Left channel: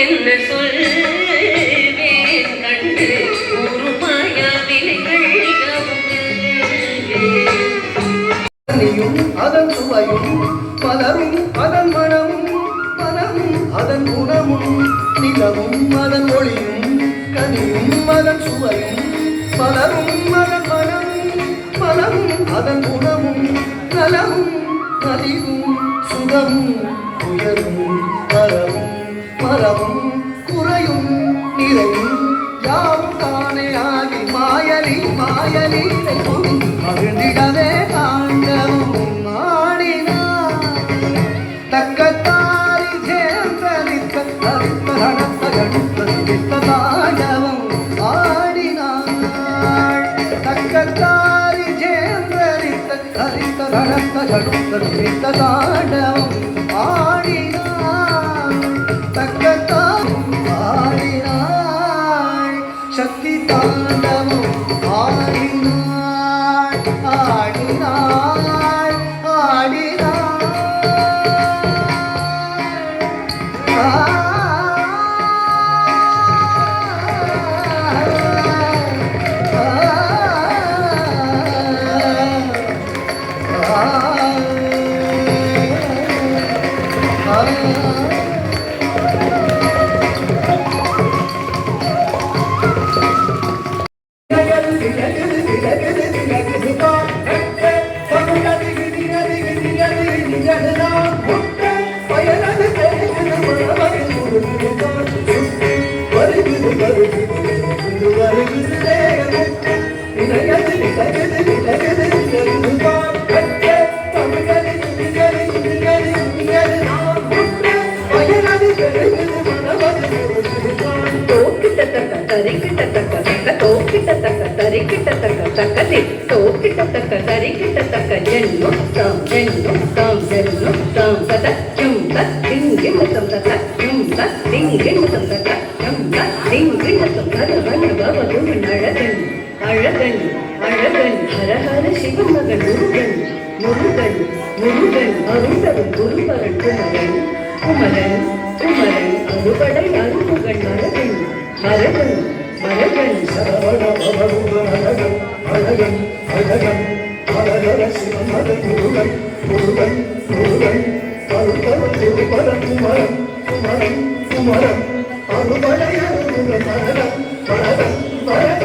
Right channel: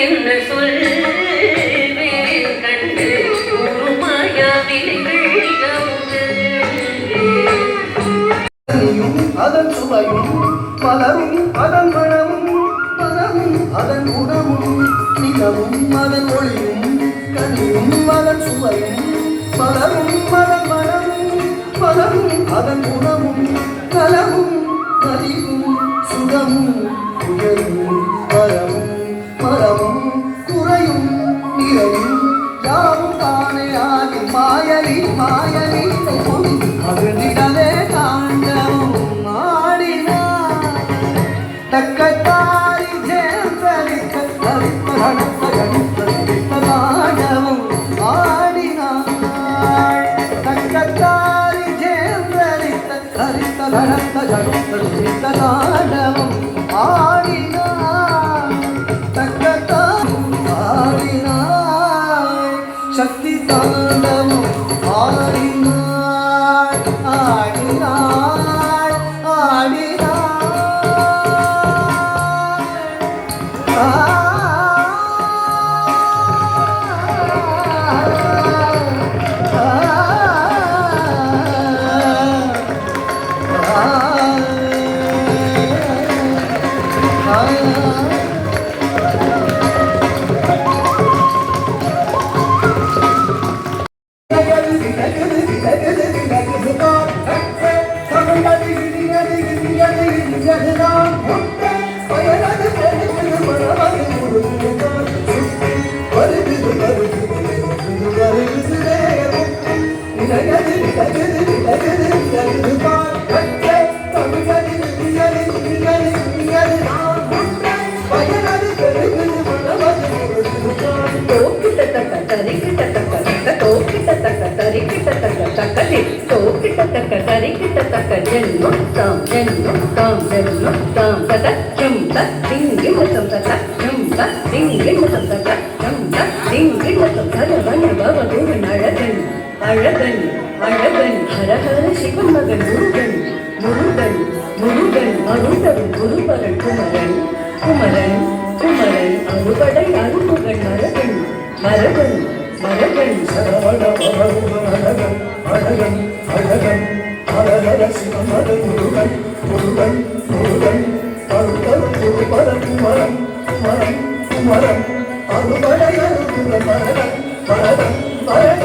என்ன சொல்வேன் கண்டு ஒரு மாயாவினைகள் அதன் சுவையும் பலரும் அதன் மனமும் மனமும் அதன் குணமும் நிலமும் அதன் ஒளியும் கனியும் அதன் சுவையும் பலரும் அதன் மனமும் பலரும் அதன் குணமும் கலமும் மதிவும் சுகமும் உயர்வும் வரவும் மரமும் குறையும் நிறவும் யாவும் தானே ஆகி மாயலி மாயலி மகிழ்ந்திடவே தாண்டவும் மாடினார் தக்கத்தாரி ஜேர்கலிக்க தாண்டவும் ஆடினார் தக்கத்தாரி ஜேர்கலிக்க தாண்டவும் சக்தி தாண்டமும் ஆடினாள் ஆடினாள் ஆடினாள் அழகன் அழகன் ஹரஹர சிவமகன் முருகன் முருகன் முருகன் அருண்டவன் குருபரன் குமரன் குமரன் குமரன் அறுபடை அருமுகன் மரகன் மரகன் மரகன் அழகன் அழகன் ஹரஹர சிவமகன் முருகன் முருகன் முருகன் அருண்டவன் குருபரன் குமரன் குமரன் குமரன் அறுபடை அருமுகன் மரகன் மரகன் மரகன்